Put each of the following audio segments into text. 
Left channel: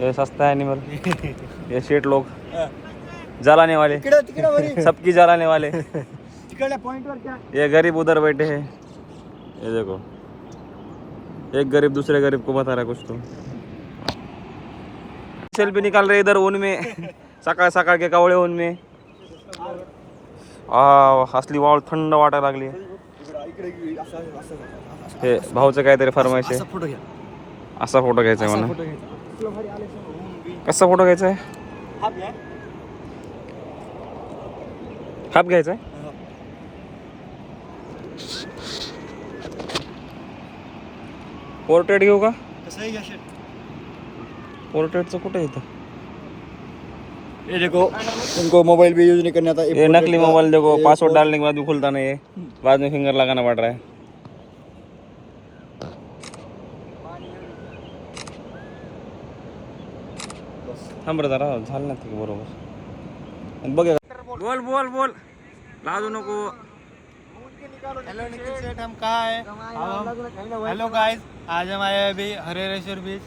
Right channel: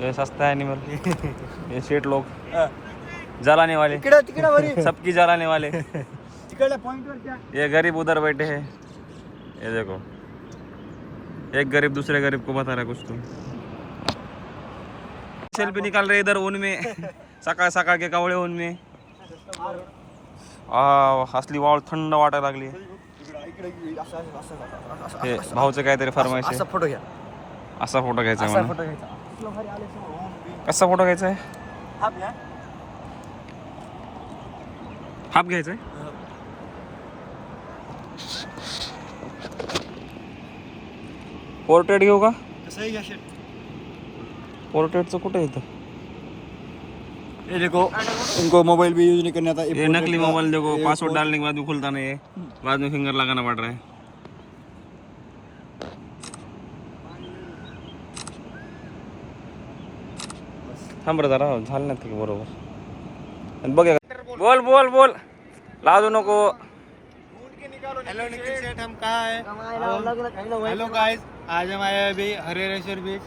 ये सस्ता है एनिमल। ये सेठ लोग जलाने वाले, सबकी जलाने वाले। ये गरीब उधर बैठे हैं, ये देखो एक गरीब दूसरे गरीब को बता रहा है कुछ तो। सेल्फी निकाल रहे इधर ऊन में, सकाळ सकाळ के कावळे ऊन में। असली वाळ थंड वाटायला लागली। हे भाऊचं काहीतरी फरमाईश आहे, फोटो घ्या, असा फोटो घ्यायचा आहे मला। कसा फोटो घ्यायचा आहे? हाफ घ्यायचा आहे। पोर्ट्रेट घेऊ का? कसं घ्या पोर्ट्रेटचं कुठे येतं? ये देखो, इनको मोबाइल भी यूज नहीं करना था। ये नकली मोबाइल देखो, पासवर्ड डालने के बाद भी खुलता नहीं है, बाद में फिंगर लगाना पड़ रहा है। थांब रे जरा, झालं ना ते बरोबर। बघ बोल बोल बोल, लाजू नको। हेलो निखिल सेठ, हम कहाँ हैं? हेलो गाइस, आज हम आए अभी हरिहरेश्वर बीच।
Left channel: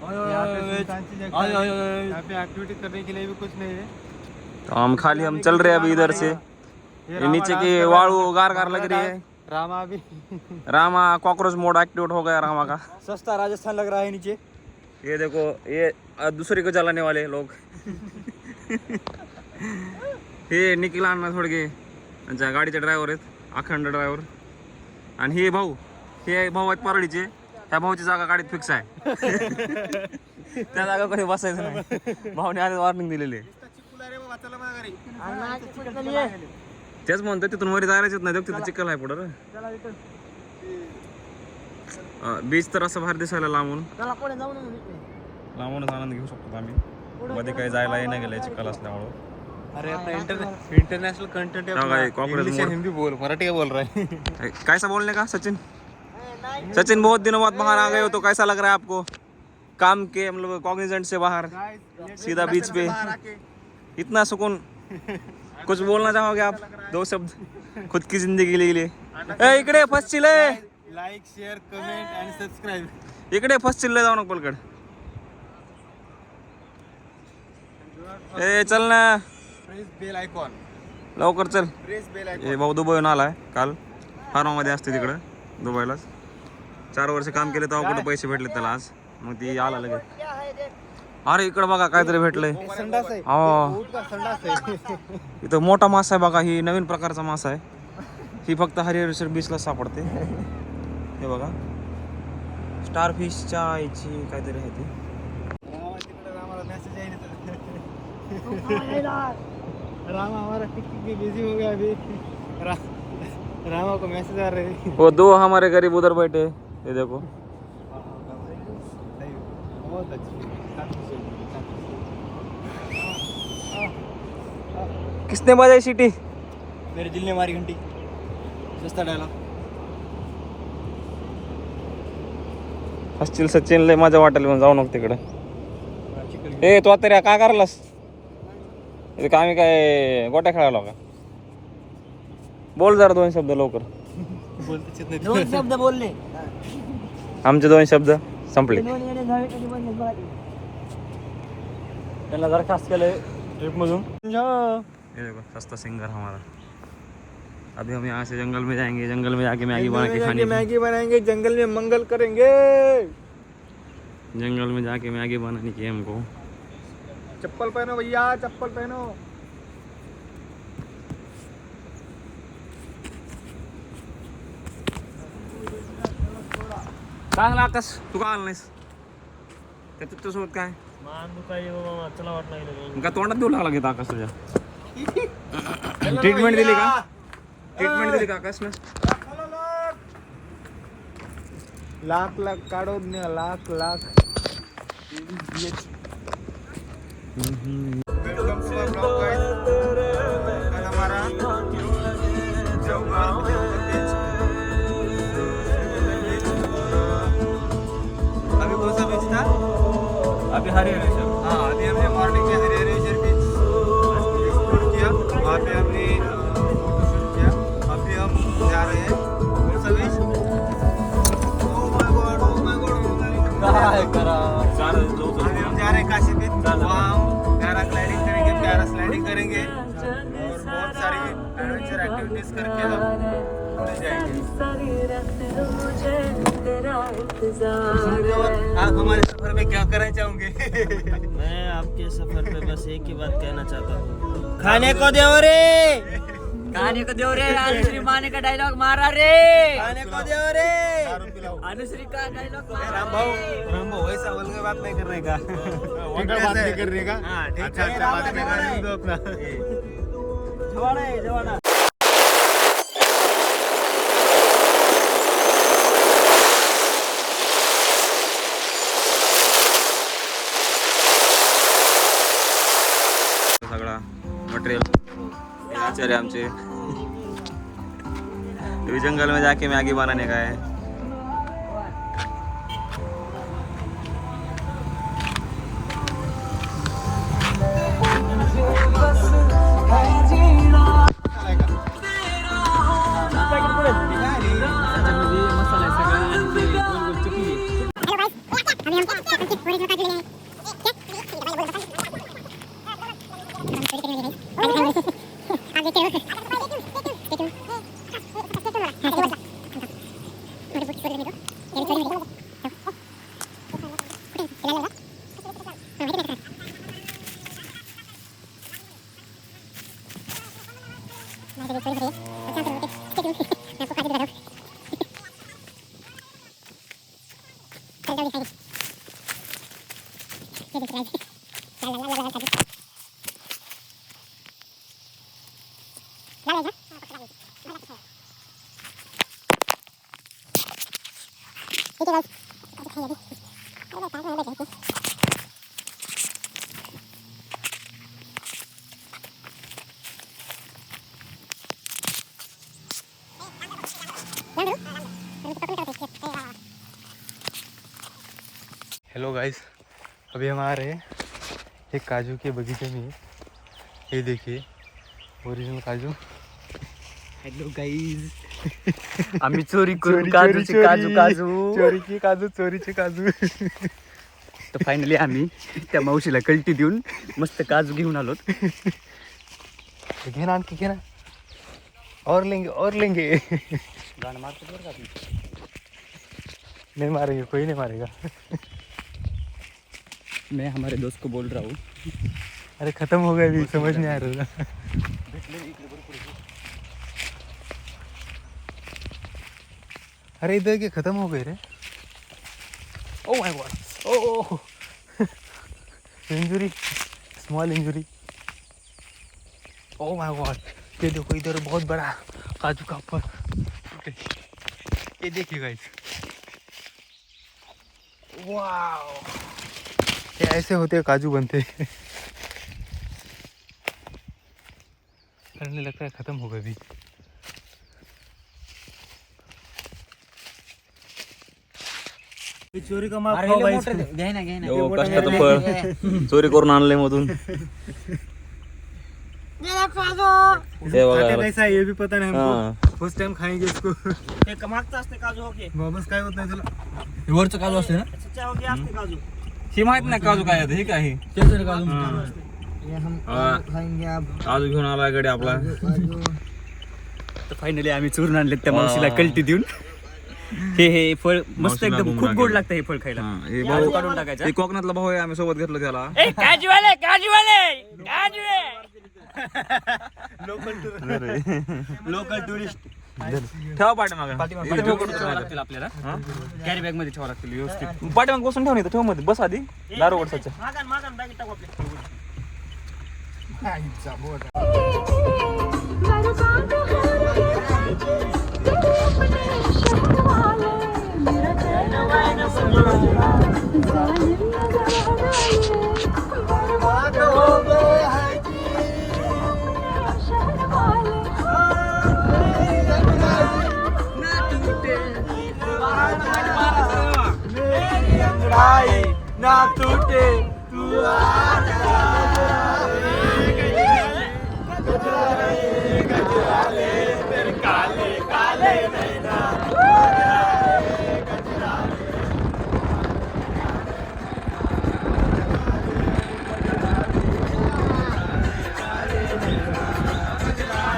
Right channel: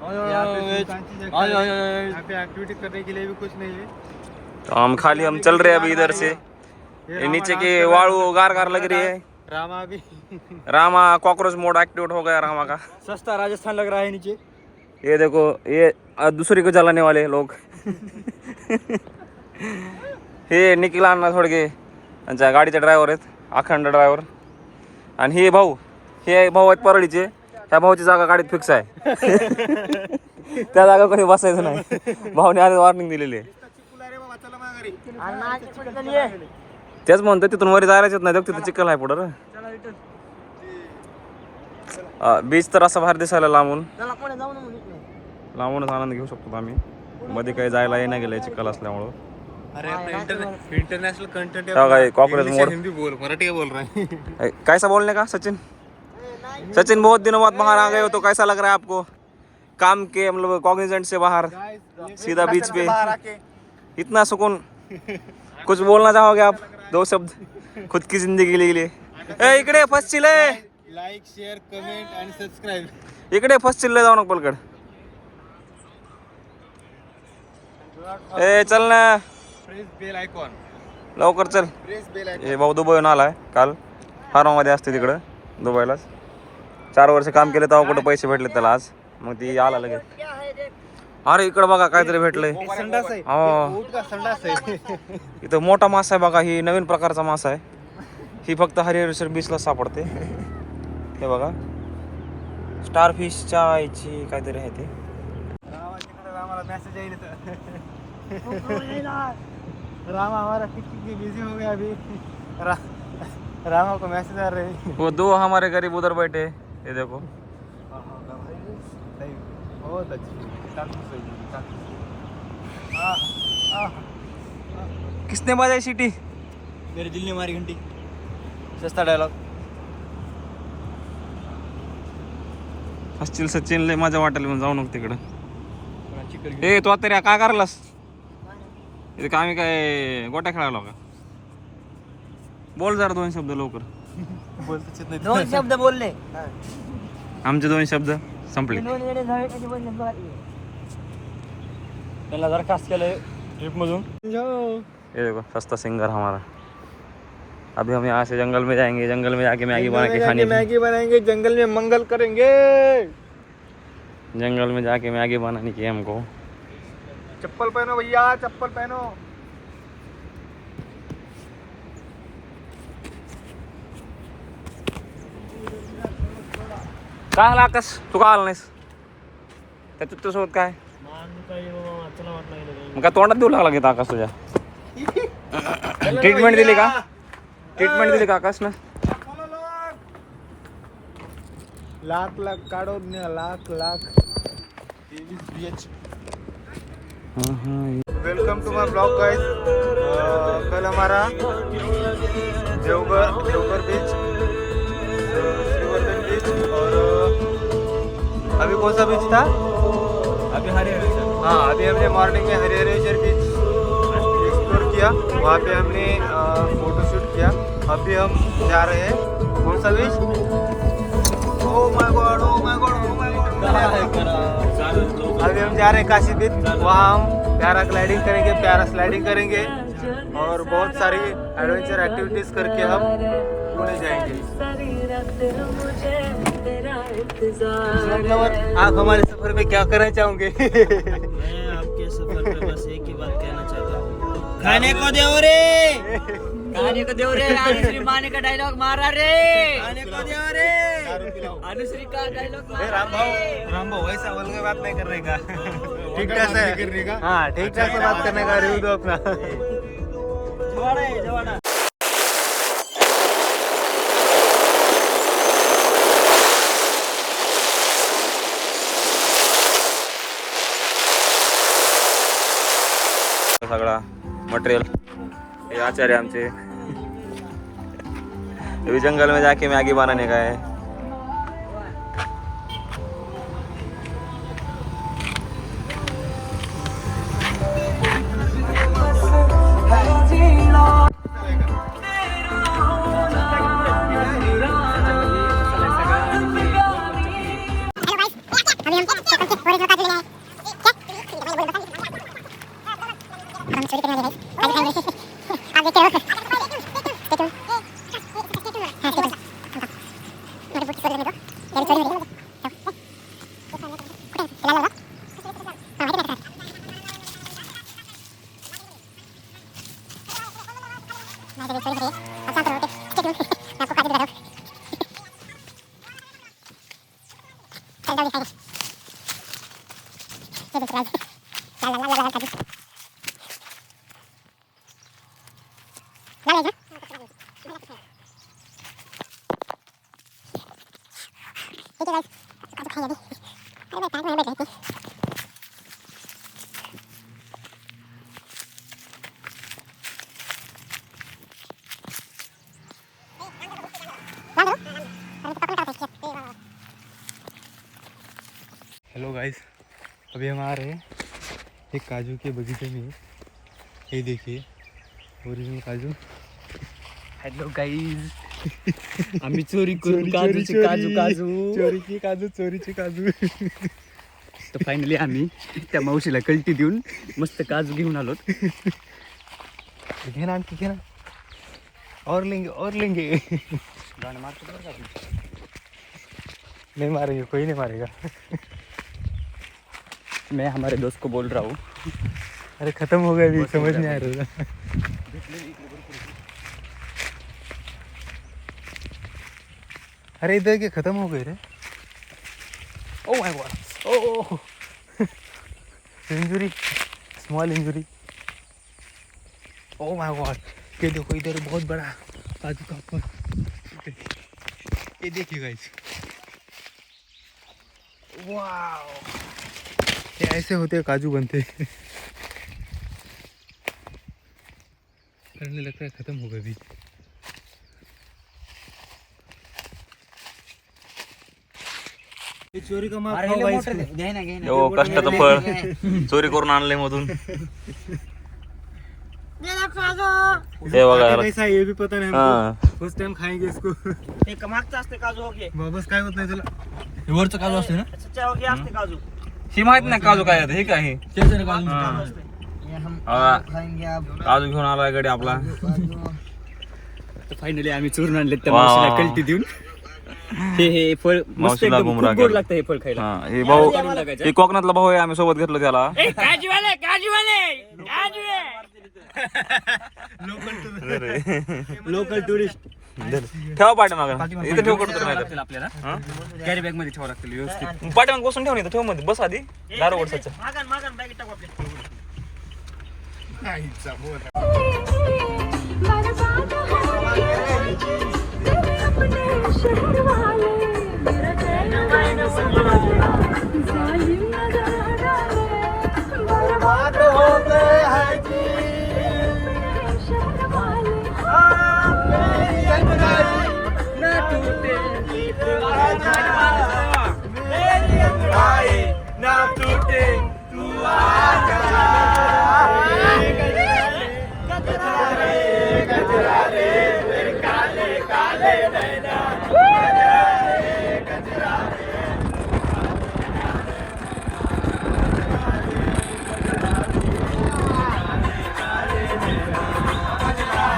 यहाँ पे एक्टिविटी करने के लिए भी कुछ नहीं है, तो हम चल रहे हैं अभी इधर से। ये नीचे की वाळू गार गार लग रही है। रामा भी रामा कॉकरोच मोड एक्टिवेट हो गया रामा का। सस्ता राजस्थान लग रहा है नीचे। ये देखो, ये दूसरी को जलाने वाले लोग। हे निखिल अण्णा थोडके त्यांच्या गाडीचे ड्रायव्हर आहेत, अखंड ड्रायव्हर। आणि हे भाऊ आहेत परळीचे, ह्या भाऊची जागा गाडीत फिक्स आहे। त्या जागा कधी बसायचं नाही, भाऊने आधी वॉर्निंग दिलेली आहे। तेच म्हणतो तिथून वरी जायलाच नाही, तिथं चिखल आहे पुढं। बीच तर असं बाहेर दिसायला लांबूनच आनंद घेऊ शकतो आम्ही। मध्ये काही जायला नाही गेले चिखल असल्यामुळं। इंटरनेशनल कंटेंट कॉकरोच मोड हिंदी बोल, मराठी बोल रहा है। कैसा बोलने का सचिन बहुत दिनों बाद बाहर आ गए हो, तो कैसा लग रहा है आपको? काम के मतलब कॉग्निजेंट से बाहर सीधा बीच पे, इतना सुकून। कुछ बोलना चाहोगे आप? 2 शब्द खुद की जिंदगी के लिए। इकडे फर्स्ट चिल्ले, लाइक शेयर कमेंट आणि सबस्क्राइब। इकडे फर्स्ट चिल्ले जाऊ नको पलकड। ए चल ना, प्रेस बेल आयकॉन, लवकर चल। Press bell icon. हे भाऊ दुबईहून आलाय काल, फार्मामध्ये असते तिकडं दुबईलाच। 4 वर्ष काम केले तेव्हा कुठं पैसे भेटले त्याला आज, मग ती आला लगेच। अरे इकडं बघा काहीतरी भेटलंय। हो, इथं मोठा मासा आहे बघा, ही नवीन प्रकारचा मासा आहे। ही फक्त हरिहरेश्वर बीचला सापडते। हे बघा, स्टार फिशच्या याची काहीतरी आहे ते। रामा हमारा टिकटिक भी बिजी हो गया अभी। रामा को मैसेज आ रहे हैं। वो 2 हमारे गरीब उधर बैठे, ये देखो। बहुत अच्छी। किसने बजाई सीटी? मेरे दिल ने मारी घंटी। सस्ता डायलॉग। असतील सचिन लय माझ्या वाटेल, म्हणून जाऊ नको तिकडं। ए तू आता काय करलास इथे? आम्ही काय गोट्या खेळायला का? बोल जरा 2 शब्द लवकर। 2 शब्द बोलले, आमचे 2 शब्द संपले। त्याला जरा खास केलं ट्रिप मधून। ये देखो सस्ता सिंगर हमारा। अभी हम यहाँ से जंगल में जाएंगे, जंगल में जाके मैगी बना के खानी। मैगी बनाएंगे, जंगल में मंगल करेंगे। जंगल में जाके मैगी बनानी की हमको। चप्पल पहनो भैया, चप्पल पहनो। काय आला आकाश, तू का आला नाहीस? त्याच्यात तुझ्यासोबत काय चला वाट लागलं मग? का तोंडात देऊ लागला घेता आकाश तुझ्या? ट्रीटमेंट दिली का? ट्रीटमेंट दिली का आकाश ना? लाख काढो, लाख welcome to my blog guys. कल हमारा देवघर बीच, श्रीवर्धन बीच और अभी कौन सा बीच था? अभी हरिहरेश्वर। हाँ, अभी हमने मॉर्निंग में हरिहरेश्वर बीच एक्सप्लोर किया, वहाँ पे हमने फोटोशूट किया। अभी हम जा रहे हैं कौन सा beach? Oh my God, oh my God, oh my God. अभी हम जा रहे हैं काशी बीच, वहाँ हम पैराग्लाइडिंग करेंगे, पैरास्लाइडिंग करेंगे और बहुत सारी एडवेंचर एक्टिविटीज करके हम पुणे जाएंगे। आप हमारे सफर में क्या करना चाहोगे? मैं आपके सफर पे बस एक ही बात कहना चाहता हूँ, खाने को दो रे, खाने को दो रे। अनुश्री माने का डायलॉग मारा रे, खाने को दो रे। अनुश्री का डायलॉग। राम भाऊ ऐसा बोल के बात नहीं करने का, ठीक है करने का। हाँ, ठीक है बात करने का, रिव्यू दो अपना। जवाड़ा है, जवाड़ा। सगळा मटेरियल ये आचार्य आमचे अभी जंगल में जाके मैगी बनाने का है। हेलो गाइस, अभी हम आ रहे हैं एक काजू के बगीचे में। ये देखिए ओरिजिनल काजू। हेलो गाइस, आम्ही चोरी करून काजूचे चोरीची काजू। तर फायनली आम्ही त्या मावशीला कल्टी देऊन मस्त काजू घेऊन आलो. घे ना, आणखी घे ना, और लेंगे गाणं मारतो बरं का तू. नहीं मारेंगे, कोई नहीं मारेगा। मैं हमारे दोस्त को बोल रहा हूँ, अरे खत्म हो गया, अभी समझ नहीं आ रहा। अरे इधर के खत्म हो गए रे। Oh my god, oh injury, small injury. Oh my god, ये देखो इधर बहुत बड़ा काजू का फल। ये देखिए गाइस, वाओ, ये ऐसे होते हैं काजू बनते। करने लगता है खत्म हो गए भी। चोरी का माल खाओ गाइस। हो कष्टाचं फळ चोरी करून आणले मधून। हे बघा कैसा है ये भी पता नहीं हाँ। हमको। फर्स्ट टाइम खाएंगे इसको। एक मागचं असते काजू हो गया, वापस काय होत नाही तुला। वरचं काजू असते ना, सच्चा हो गया असते काजू. ही माहित नाही काजू काय आहे, हे काय आहे? हा. काजू घेऊन आला गडी आपला. तर फायनली आम्ही चोरून आणले त्या वा. मावशीला कल्टी देऊन. हे फळ मस्त मावशीला एकदम गुमराह खूप गोड केलं. लागतं हे फळ खायला. हा, हे भाऊ काढून टाकायचं. हे कोकणातला भाऊ आहे, आम्ही सोबत घेतलं त्याला. काजूवाले लोकल टुरिस्ट. ठेवा पाठीमागं इथं ठेव कडू नाही तर आपल्याला कॅरी बॅग मध्ये ठेवावं लागतील व्यवस्थित. पाठीमाग बसून ठेवून इथं ठेव मध्ये बस आधी दारू वरसाचं. मागं बॅगेत टाकू आपल्या. अंगड़ाई ना टूटे तू काले काले नैना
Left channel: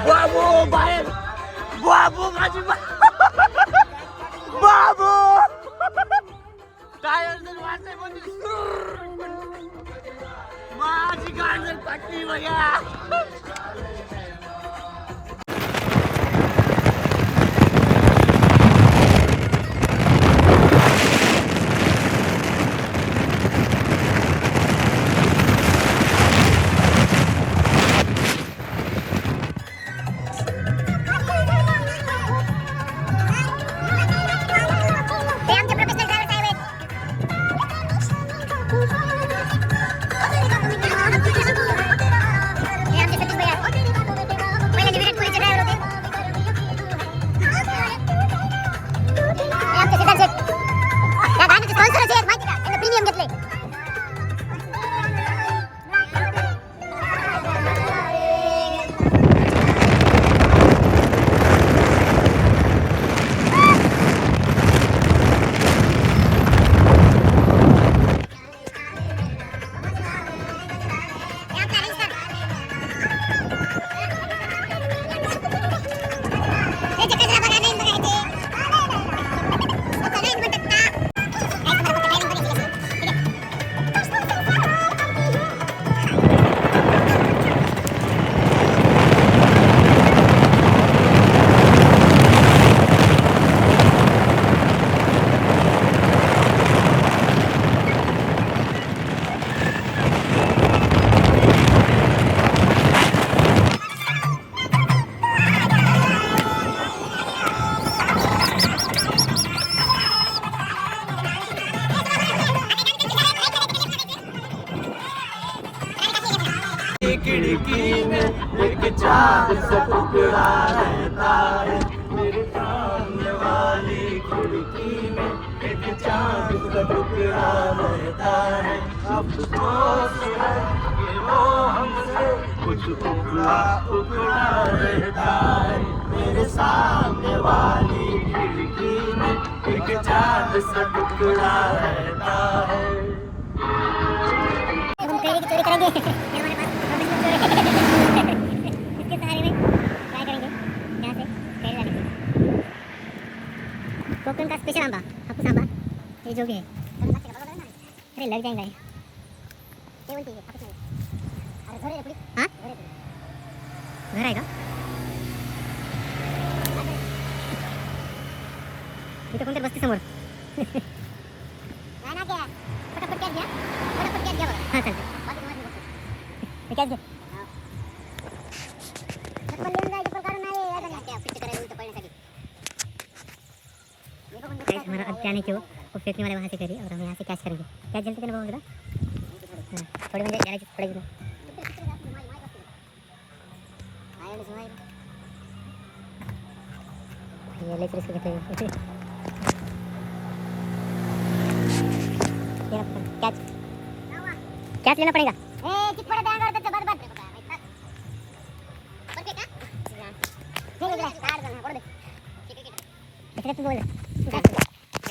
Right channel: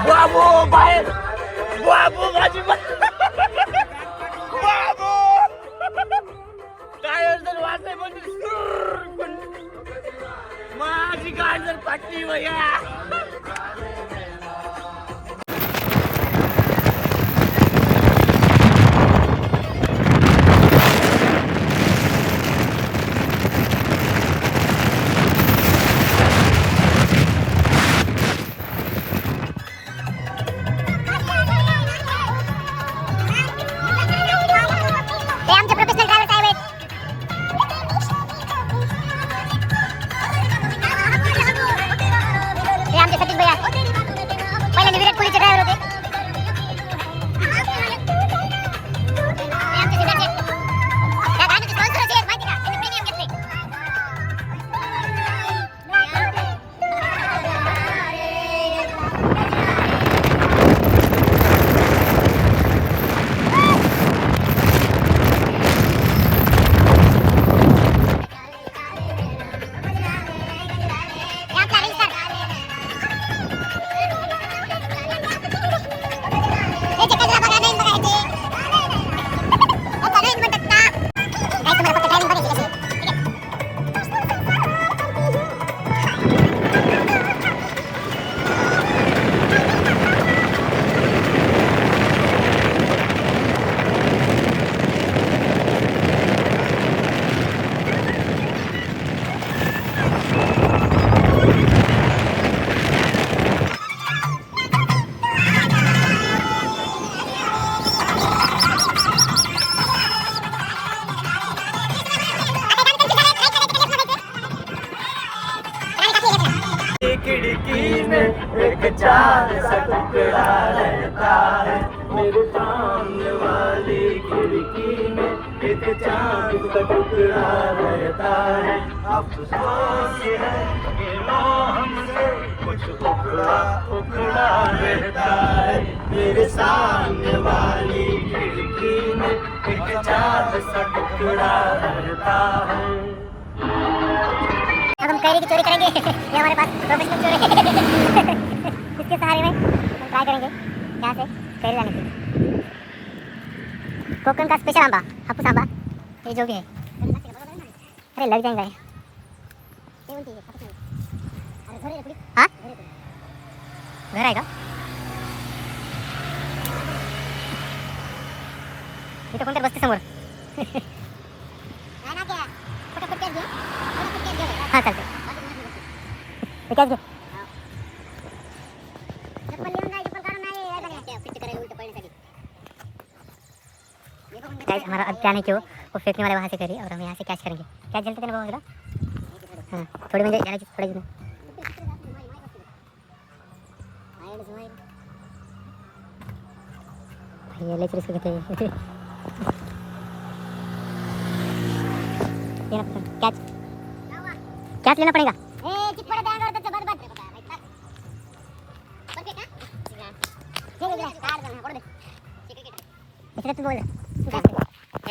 बाबू बाहेर बाबू माझी बाबू काय असेल वाचाय पण माझी गाजर पटली भैया खिड़की में एक चांद सा टुकड़ा रहता है मेरे सामने वाली खिड़की में एक चांद सा टुकड़ा रहता है अब सोच है कि वो हमसे कुछ उखड़ा उखड़ा रहता है मेरे सामने वाली खिड़की में एक चांद सा टुकड़ा रहता है अब हम कैरी की चोरी करेंगे ये हमारे पास प्रोफेशनल चोर है इसके सहारे में ट्राई करेंगे यहाँ से कैरी लाने की कोकण का स्पेशल आंबा हापुस आंबा ये जो भी है अरे लग जाएंगे हाँ घर आएगा ये तो कोणत्या बसते समोर हाँ चलते क्या हमारा अब क्या नहीं क्यों वो फेंकने वाले वहाँ से करिए और हम यहाँ से कैच करेंगे क्या जलते थे ना बाबा हाँ थोड़ी मुझे जाने थोड़ी ये ले चल इसको कैच कैच लेना पड़ेगा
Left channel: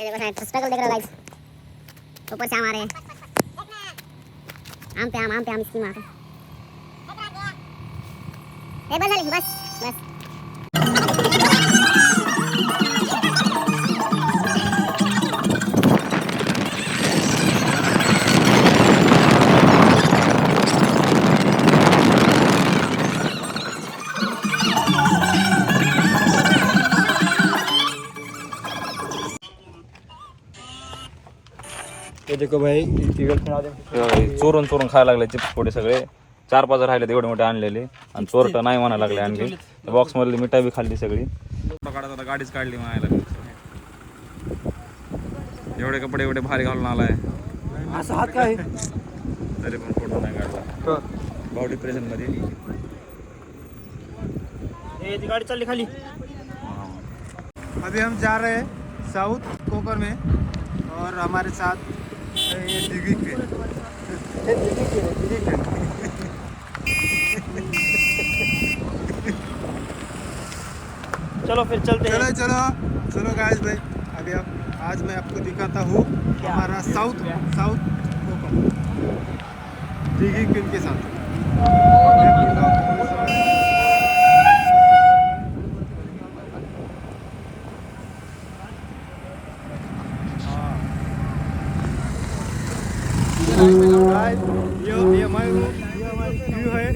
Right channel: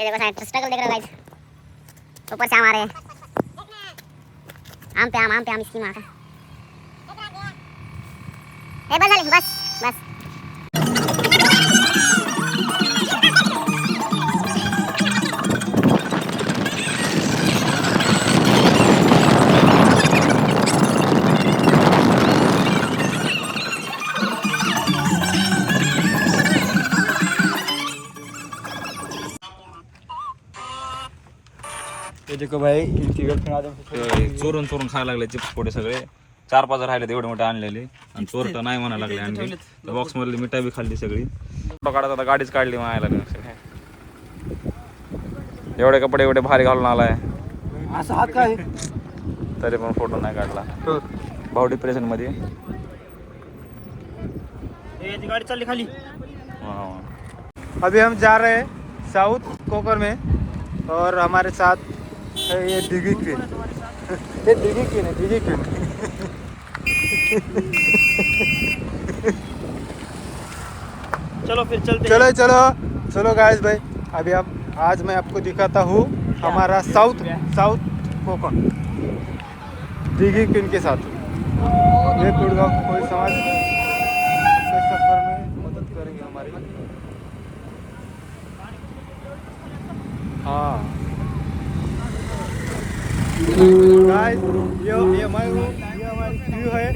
ये देखो स्ट्रगल देख रहे हो गाइस ऊपर से आम आ रहे हैं आम पे आम इसकी माँ का बस बस बस ये देखो भाई इनकी गर्लफ्रेंड चोरून चोरून खायला लागले चिप्स पोटे सगळे 4-5 राहिले एवढे मोठे आणलेले आणि चोरट नाही म्हणायला लागले आणखी बॉक्स मधली मिठाई बी खाल्ली सगळी फोटो काढत आता गाडीच काढली म्हणायला एवढे कपडे एवढे भारी घालून आलाय असं हात काय तरी पण फोटो नाही काढला भाऊ डिप्रेशन मध्ये गाड़ी चल खाली अभी हम जा रहे हैं साउथ कोकर में और हमारे साथ ये दिगी क्वीन। चलो फिर चलते हैं। चलो चलो चलो गाइस भाई, अभी आप आज मैं आपको दिखाता हूँ हमारा साउथ कोकण दिगी क्वीन के साथ। ये गुड़गांव कोई समाज मदद करेंगे हमारी। हाँ ये हमारी व्यू है।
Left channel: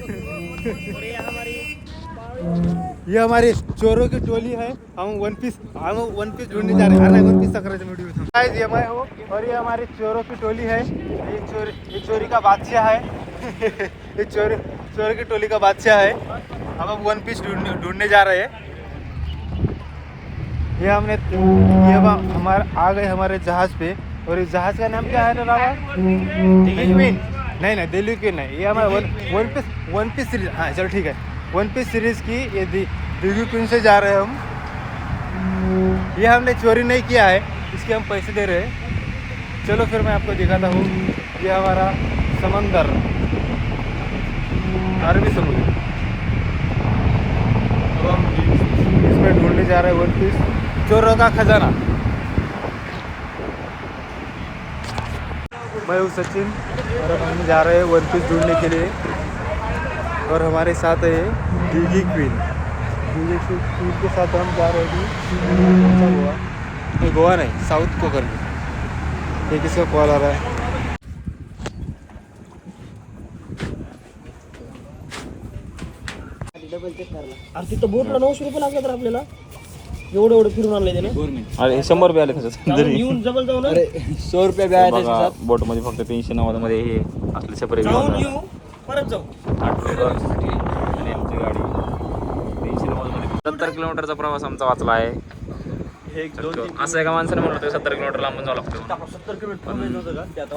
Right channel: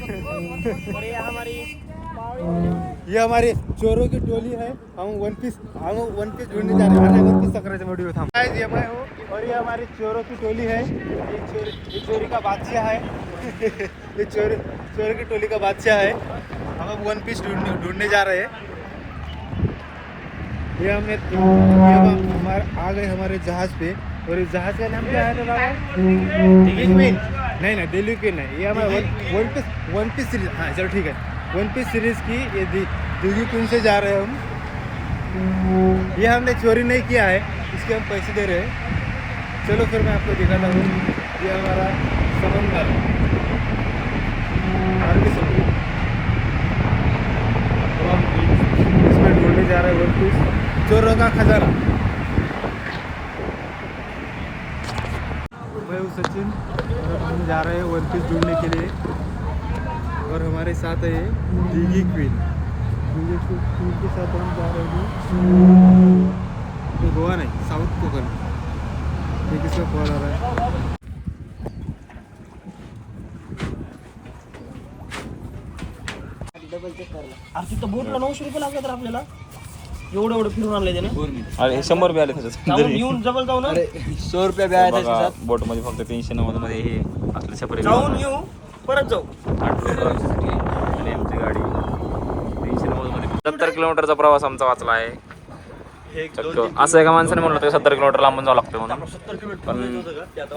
और ये हमारी ये हमारी चोरों की टोली है। हम वन पीस ढूंढने जा रहे हैं। अरे वन पीस सक्राचा वीडियो था। ये मैं हूँ और ये हमारी चोरों की टोली है। ये चोरी का बादशाह है। ये चोरों की टोली का बादशाह है। हम वन पीस ढूंढने जा रहे हैं। ये हमारे आ गए हमारे जहाज पे। और इस जहाज का नाम क्या है बाबा? नहीं दिल्ली की नहीं, ये हमारा वन पीस सीरीज। हाँ चलो ठीक है, वन पीस सीरीज की ये दिल्ली क्वीन से जा रहे हैं हम। ये हमने चोरी नहीं किया है, इसके हम पैसे दे रहे हैं। चलो फिर मैं आपको दिखाता हूँ। ये हमारा समंदर, अरबी समुद्र। अब हम इसमें ढूंढने जा रहे हैं वन पीस चोरों का खजाना। मैं हूँ सचिन और अब हम जा रहे हैं वन पीस ढूंढने के लिए। और हमारे साथ है दिगी क्वीन के साथ हम जा रहे हैं गोवा। गोवा नहीं, साउथ कोकण में। ये किसका कॉल आ रहा है? अरे तिथं बोटला 900 रुपये लागले तर आपल्याला एवढं फिरून आणले त्याने. अरे 100 रुपये आले त्याच्यात. येऊन जबल जाऊ ना. 100 रुपये द्या त्याच्यात. बोट मध्ये फक्त 390 मध्ये हे असले सेपरेट जाऊन येऊ परत जाऊ. 70 किलोमीटरचा प्रवास आमचा वाचला आहे. असं एका माणसाने म्हणलं होतं 70 किलोमीटर लांबून जावं लागतं म्हणून. 70 किलोमीटर पण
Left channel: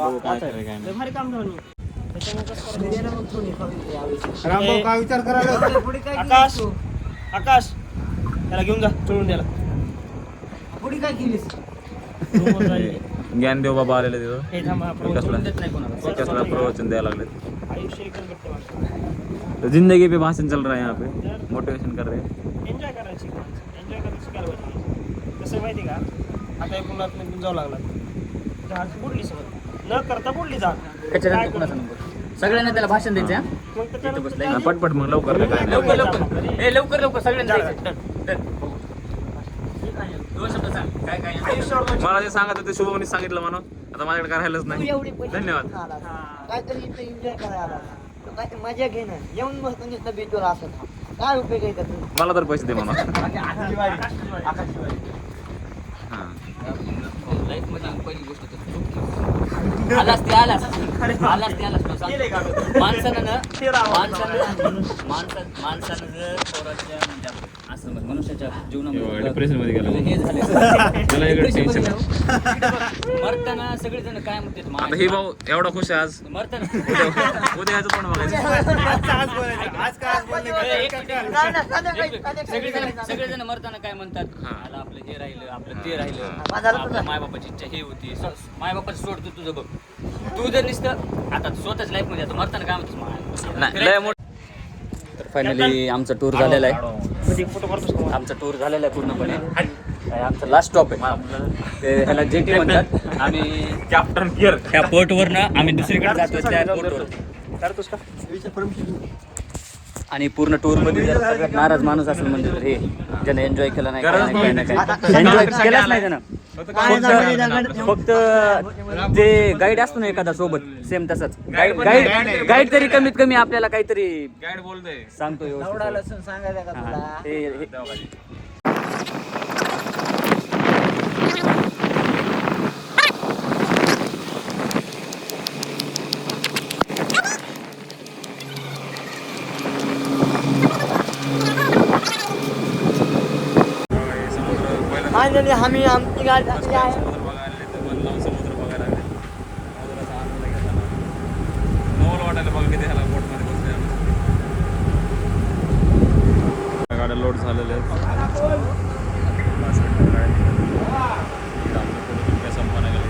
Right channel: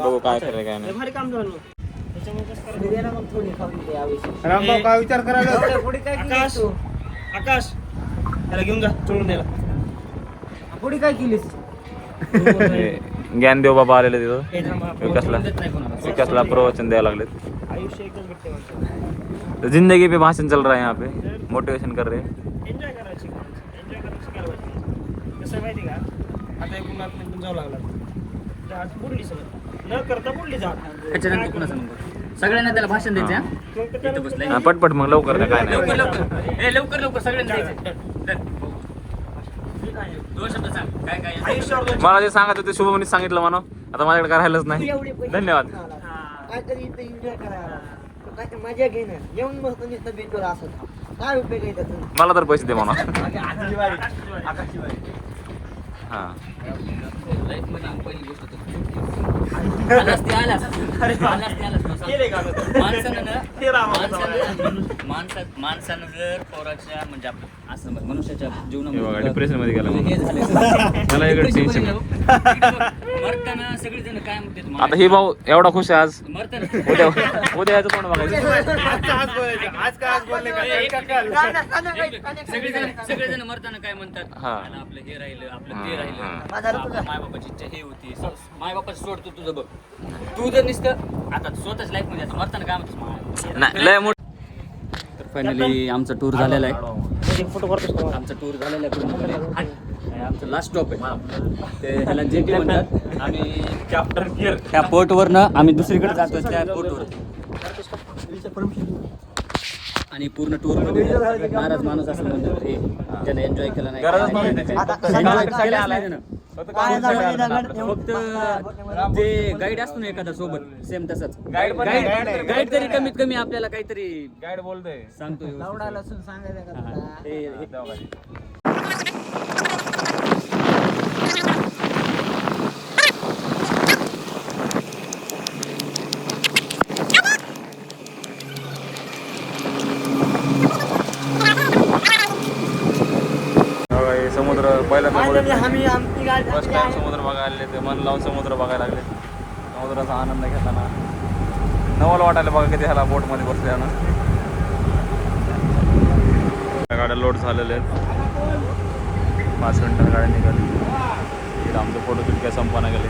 बघू काय खरं काय नाही. भारी काम झालं. रामभाऊ काय विचार करायला? आकाश त्याला घेऊन जा चढून द्यायला. पुढे काय केलीस? ज्ञानदेव बाबा आलेले तिथं विकासला प्रवचन द्यायला लागले. तो जिंदगी पे भाषण चल रहा है यहाँ पे, मोटिवेशन कर रहे हैं. एन्जॉय करायची. कसं माहिती का, आता एकूण आपण जाऊ लागला जहाज बुडली सोबत न करता बुडली जा. सगळ्यांना त्याला भाषण द्यायचं. पटपट मग लवकर काय नाही. लवकर सगळ्यांना मला जे सांगायचं ते शुभमने सांगितलं म्हणा. आता माझ्याकडे काय राहिलंच नाही. धन्यवाद. मजा घे ना, येऊन बसतो नुसतं बीचवर असत. काय उपयोग आहे त्याचा? मला तर पैसे दे म्हणा. हा माणसानं जर पोराच्या म्हणजे असं मनुष्याच्या जीवनामध्ये डिप्रेशन मध्ये गेला हे झालं मला वेगळं टेन्शन. मरताना सगळेजण काय म्हणतात, आता हे भाऊ एवढा खुश आहे आज. मरताना उद्या याचं तोंड बघायचं. सगळेजण मरताना काय म्हणतात, हा. मला आपलं हे राहिलं, आपलं ते राहिलं, आपल्या मायबापाची इच्छा हे होती. मायबापाचं सोडतो तुझं बघ. तू जर नुसतं आता स्वतःच लाईफ मध्ये मरताना काय म्हणतो. तर फायनली आमचा टूर झालेला आहे. आमचा टूर झालेला आहे पूर्णपणे. आमचा लास्ट स्टॉप आहे ते ह्याला जेटी म्हणतात. आम्ही कॅप्टन गिअर ह्या पोर्टवरनं आम्ही दुसरीकडे जातोय त्या पोर्टवर. आणि पूर्ण टूरमध्ये जर सगळ्यात नाराज माणूस असेल म्हणजे तर हे त्याने एन्जॉय केला नाही. एन्जॉय केलाच नाही त्यानं. फक्त ते गाईड असतो ना एखादा सोबत, सेम तसंच गाईड तरी कमीत कमी आपल्याला काहीतरी गाईड बोलतोय सांगतोय. समुद्र पहिल्यांदा आम्ही आमची गाडी समुद्र बघायला आले ते मन लावून समुद्र बघायला लागले. समुद्राचा आनंद घेताना नवल वाटायला बघा किती ह्याला बोटमध्ये बसले ना. गाड्या लोड झालेल्या आहेत. आमचे फोटो काय संपना गेले.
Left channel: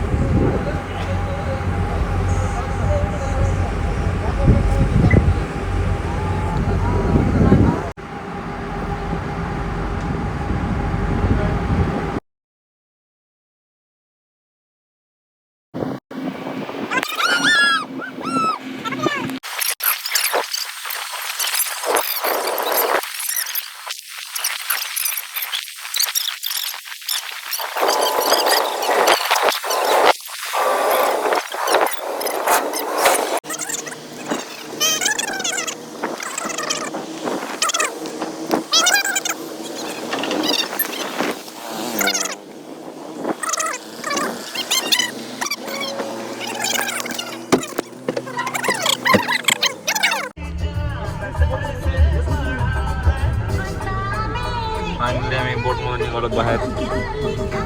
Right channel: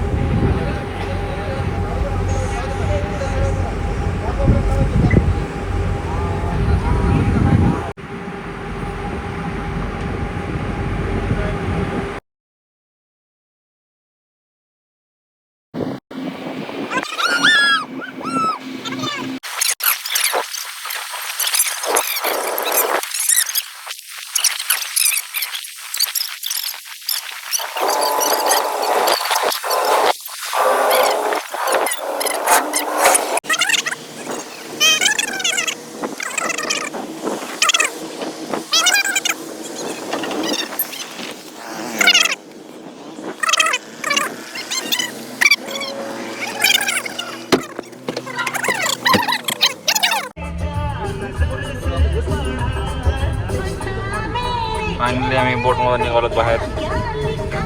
आम्ही बोटमधून निघालो बाहेर.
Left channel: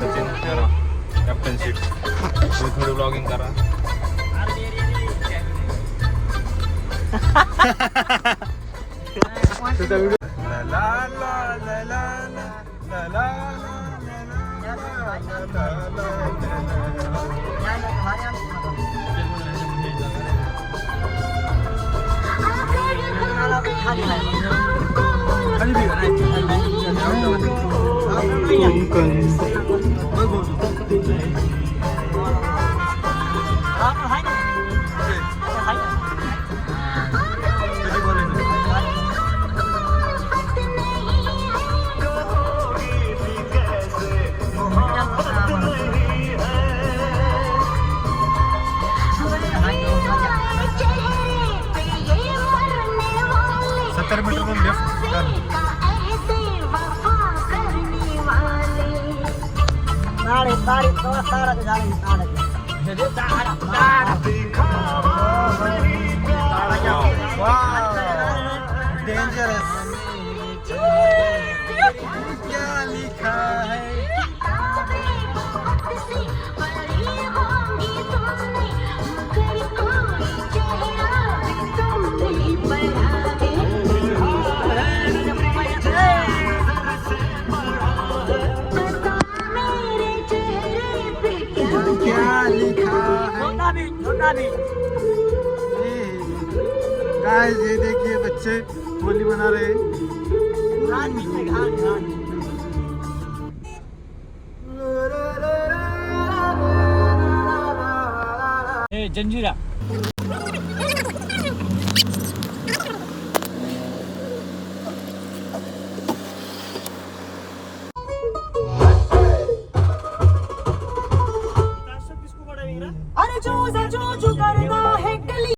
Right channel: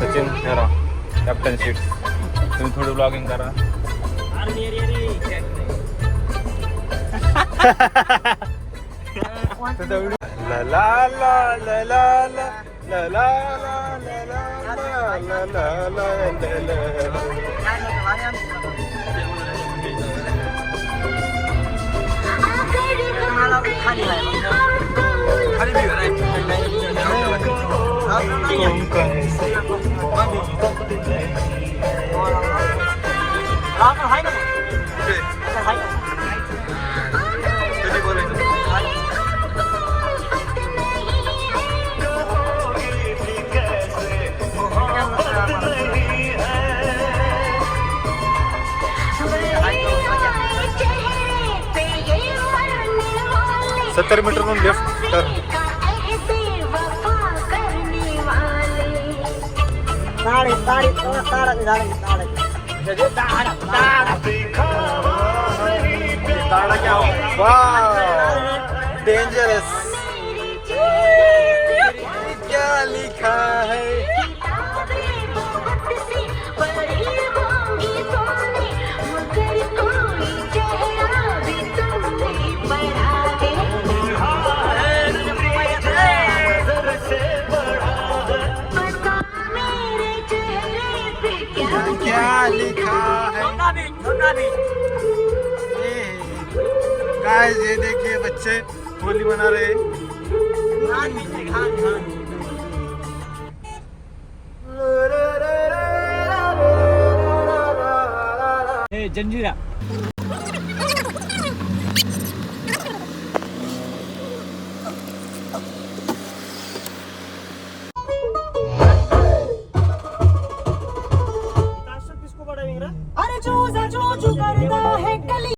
सचिन कॅप्टनशिप तुम्ही थोडी ब्लॉगिंग करा. ला ला ला ला ला ला ला ला ला ला ला ला ला. सत्तर मीटर लेफ्ट तर डेंजरस. क्या लिखा है क्या लिखा है. गाइस ये देखिए बच्चे होली मना रहे हैं. जंजीरा अरे जो करता है कली